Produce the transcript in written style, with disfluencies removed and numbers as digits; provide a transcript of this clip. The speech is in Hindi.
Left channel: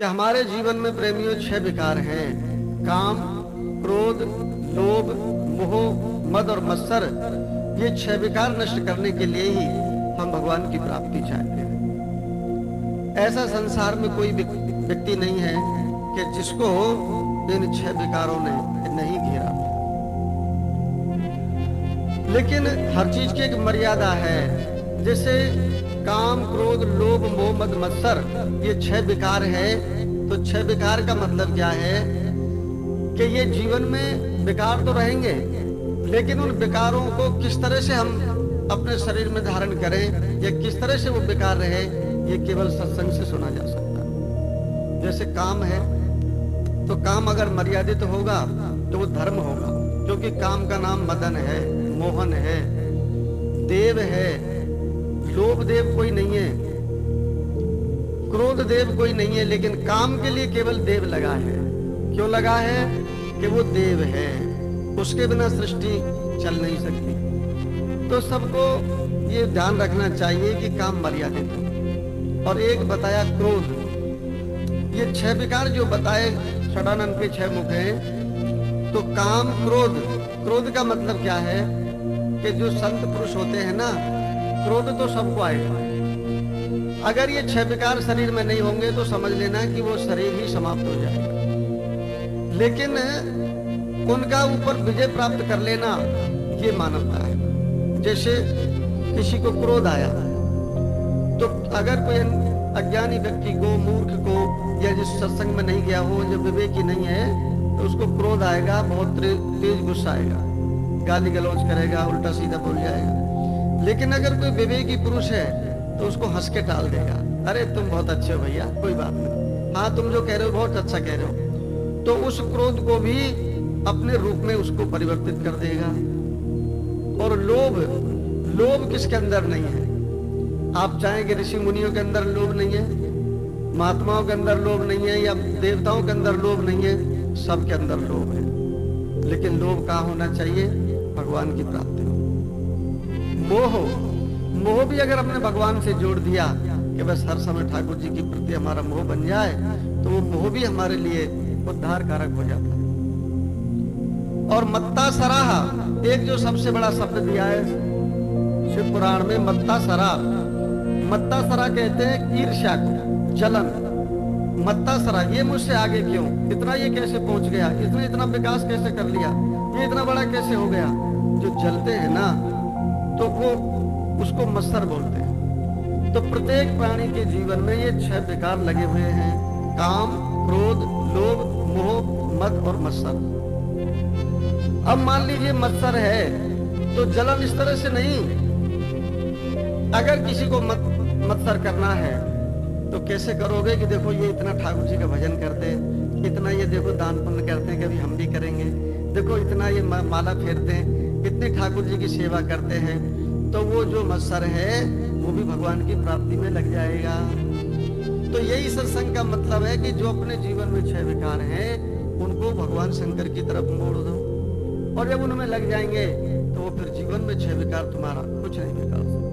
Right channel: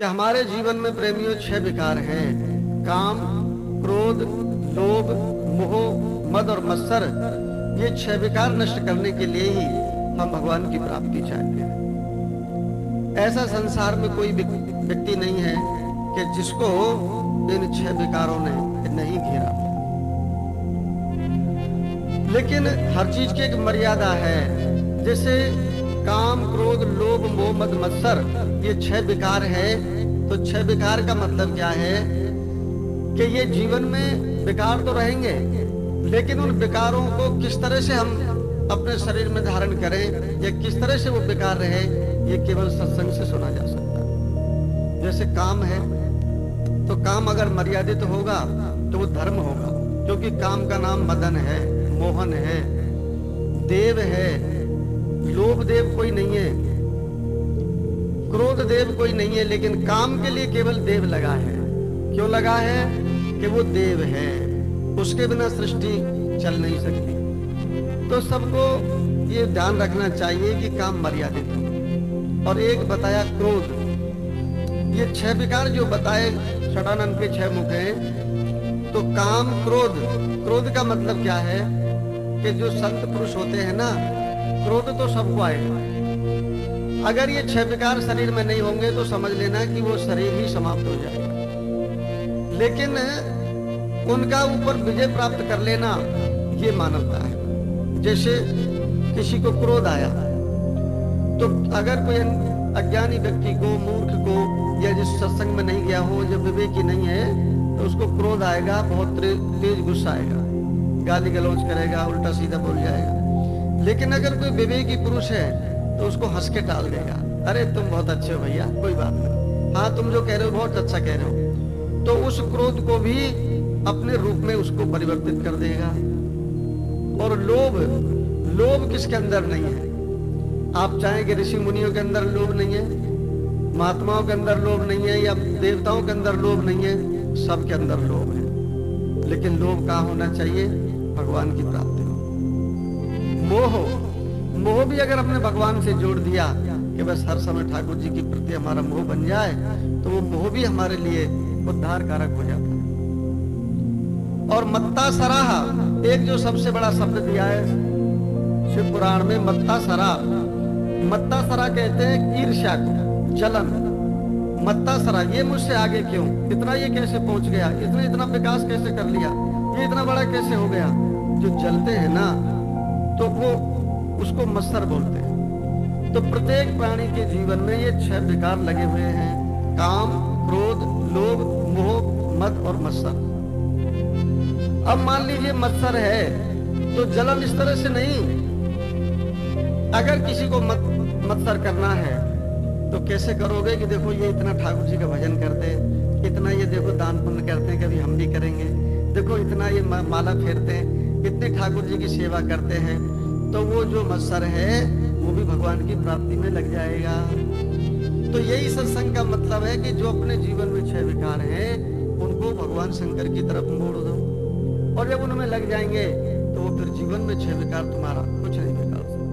कि हमारे जीवन में प्रेमियों 6 विकार हैं। काम, क्रोध, लोभ, मोह, मद और मत्सर। ये 6 विकार नष्ट करने के लिए ही हम भगवान की प्राप्ति चाहते हैं। ऐसा संसार में कोई व्यक्ति नहीं है कि जिसको इन 6 विकारों ने नहीं घेरा। लेकिन हर चीज की एक मर्यादा है। जैसे काम, क्रोध, लोभ, मोह, मद, मत्सर, ये 6 विकार है। तो 6 विकार का मतलब क्या है कि ये जीवन में विकार तो रहेंगे, लेकिन उन विकारों को किस तरह से हम अपने शरीर में धारण करें या किस तरह से वो विकार रहे, ये केवल सत्संग से सुना जा सकता है। जैसे काम है, तो काम अगर मर्यादित होगा तो वो धर्म होगा, क्योंकि काम का नाम मदन है, मोहन है, देव है। लोभ देव कोई नहीं है, क्रोध देव कोई नहीं है, लेकिन काम के लिए केवल देव लगा है। क्यों लगा है? कि वो देव है, उसके बिना सृष्टि चल नहीं सकती। तो सबको ये ध्यान रखना चाहिए कि काम मर्यादित हो। और एक बताया क्रोध। ये 6 विकार जो बताए षडानंद के 6 मुख हैं। तो काम, क्रोध, क्रोध का मतलब क्या है कि जो संत पुरुष होते हैं ना, क्रोध तो सबको आएगा। अगर ये 6 विकार शरीर में नहीं होंगे तो समझ लेना कि वो शरीर ही समाप्त हो जाएगा। लेकिन उनका ऊपर विजय प्राप्त कर लेना, ये मानवता है। जैसे किसी को क्रोध आया, तो अगर कोई अज्ञानी व्यक्ति को, मूर्ख को, या जिस सत्संग में नहीं गया हो, जो विवेकी नहीं है, तो उसको क्रोध आएगा, बहुत तेज गुस्सा आएगा, गाली गलौज करेगा, उल्टा सीधा बोल जाएगा। लेकिन अगर कोई विवेकी पुरुष है तो उसको हंस के टाल देगा। अरे तुम बहुत अच्छे हो भैया, कोई बात नहीं, हाँ तुम जो कह रहे हो बहुत अच्छा कह रहे हो। तो उस क्रोध को भी अपने रूप में उसको परिवर्तित कर देगा। और लोभ, लोभ किसके अंदर नहीं है? आप चाहें कि ऋषि मुनियों के अंदर लोभ नहीं है, महात्माओं के अंदर लोभ नहीं है, या देवताओं के अंदर लोभ नहीं है, सबके अंदर लोभ है। लेकिन लोभ कहाँ होना चाहिए? भगवान की प्राप्ति हो। मोह, मोह भी अगर हमने भगवान से जोड़ दिया कि बस हर समय ठाकुर जी के प्रति हमारा मोह बन जाए, तो वो मोह भी हमारे लिए उद्धार कारक हो जाता है। और मत्ता सराहा, एक जो सबसे बड़ा शब्द दिया है शिव पुराण में, मत्ता सरा। मत्ता सरा कहते हैं ईर्ष्या को, जलन। मत्ता सरा, ये मुझसे आगे क्यों, इतना ये कैसे पहुंच गया, इसने इतना विकास कैसे कर लिया, ये इतना बड़ा कैसे हो गया। जो जलते हैं ना, तो वो उसको मत्सर बोलते हैं। तो प्रत्येक प्राणी के जीवन में ये 6 विकार लगे हुए हैं। काम, क्रोध, लोभ, मोह, मद और मत्सर। अब मान लीजिए मत्सर है, तो जलन इस तरह से नहीं। अगर किसी को मत्सर करना है तो कैसे करोगे कि देखो ये इतना ठाकुर जी का भजन करते हैं, इतना ये देखो दान पुण्य करते हैं, कभी हम भी करेंगे, देखो इतना ये माला फेरते हैं, इतने ठाकुर जी की सेवा करते हैं। तो वो जो मत्सर है वो भी भगवान की प्राप्ति में लग जाएगा। तो यही सत्संग का मतलब है कि जो अपने जीवन में 6 विकार हैं, उनको भगवान शंकर की तरफ मोड़ दो। और जब उनमें लग जाएंगे तो वो फिर जीवन में 6 विकार तुम्हारा कुछ नहीं बिगाड़ सकते।